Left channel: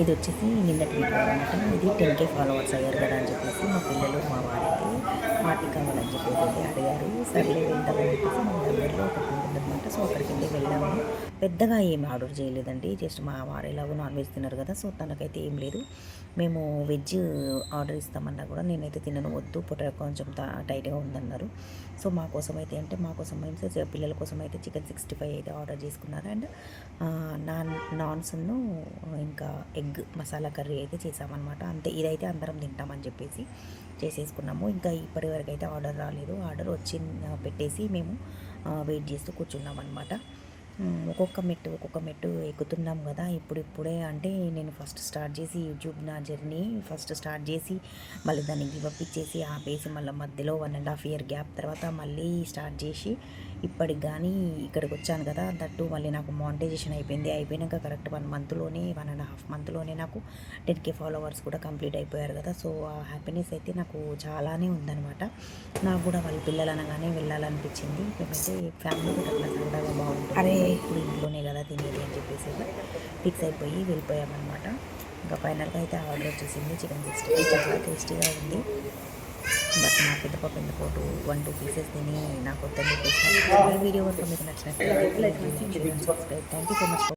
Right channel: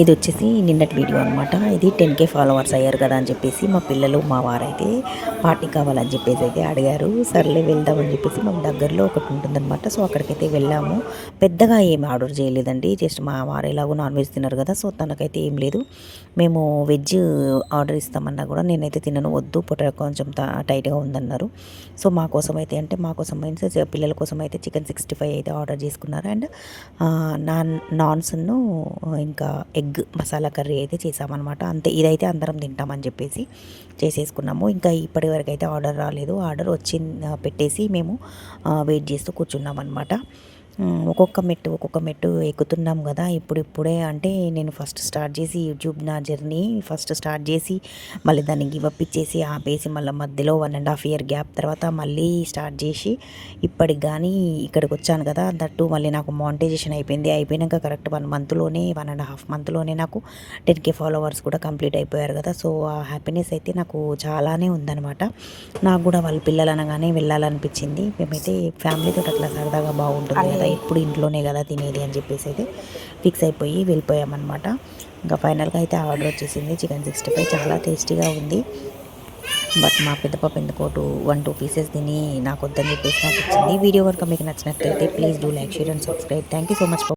ఇది వచ్చేసి నిన్నటి వీడియో అనమాట. ఇది 10K ఫాలోవర్స్ అయ్యారు కదా అని చెప్పేసి మా పిల్లలు మా వారైతే పార్టీ కావాలని చెప్పేసి అయితే అడిగారు. సర్లే వెళ్దామని చెప్పేసి మాకు దగ్గరలో ఒకటి ఉంటుందన్నమాట. సో అక్కడికైతే వెళ్ళాము. పెద్దగా ఏమి ఆర్డర్ చేయలేదండి. జస్ట్ మా వారు ఎలాగో నాన్ వెజ్ తినరు కదా, సో తనకైతే ఏం లేదు. మేము వెజ్ ఆర్డర్ ఇస్తామన్నా కూడా నేనైతే తినను, వద్దు పొట్ట కొంచెం టైట్గా ఉందన్నారు. సో మా కోసం అయితే అంటే మా కోసం మీన్స్ పిల్లల కోసం అయితే చికెన్ 65 అయితే ఆర్డర్ చేసుకున్నారు. అండ్ నాన్స్ను ఇంకా ఎగ్ మసాలా కర్రీ అయితే చేసామన్నమాట. అంతే, ఇదైతే అందరం తింటామని చెప్పేసి చేసేసుకున్నాము. ఇంకా ఇప్పటి వరకు అయితే ఆర్డర్ రాలేదు. ఆర్డర్ వచ్చి పెట్టేసి మేము వెయిట్ చేస్తూ కూర్చున్నాం అనమాట. ఒక్కొక్క మెట్టు ఎక్కుతున్నాం కదా. ఇప్పుడే అంటే నేను ఫస్ట్ స్టార్ట్ చేసి యూట్యూబ్ నా జర్నీ ఫస్ట్ స్టార్ట్ చేసి మళ్ళీ దాన్ని గివప్ ఇచ్చేసి ఆపేసి మళ్ళీ మధ్యలో 1.5 ఇయర్ గ్యాప్ తర్వాత మళ్ళీ స్టార్ట్ చేసి ఇప్పటికి కానీ ఇక్కడికి వచ్చాను కదా. దట్టు మళ్ళీ నాకు మానిటైజేషన్ అయిపోయినాక కరెక్ట్ 1.5 మంత్లోనే నాకు 10K ఫాలోవర్స్ కూడా కంప్లీట్ అయిపోయారు కదా. సో ఆ హ్యాపీనెస్ అయితే నాకు చాలానే ఉందన్నమాట. నాకు కూడా వాళ్ళ పిల్లలు అనగానే వెళ్ళాలనిపించింది. మేమైతే ఫ్యామిలీతో అట్లా సరదాగా బాగుంటుంది కదా, ఇప్పుడు ఇంట్లోనే కదా తినేది అని చెప్పేసి అయితే ఫిక్స్ అయిపోయి వెళ్ళిపోయామన్నమాట. ఇంకా ఫైనల్గా అయితే ఆర్డర్ వచ్చేసింది. చికెన్ 65 చాలా టేస్టీగా ఉంది. బట్ మా పెద్ద పాప ఎందుకో 1-2 పీసెస్ తిని నాకు వద్దని చెప్పేసి నాకు ఇచ్చింది. వీడియో కనుక మీకు నచ్చినట్లయితే please do like, share and subscribe. Thank you so much.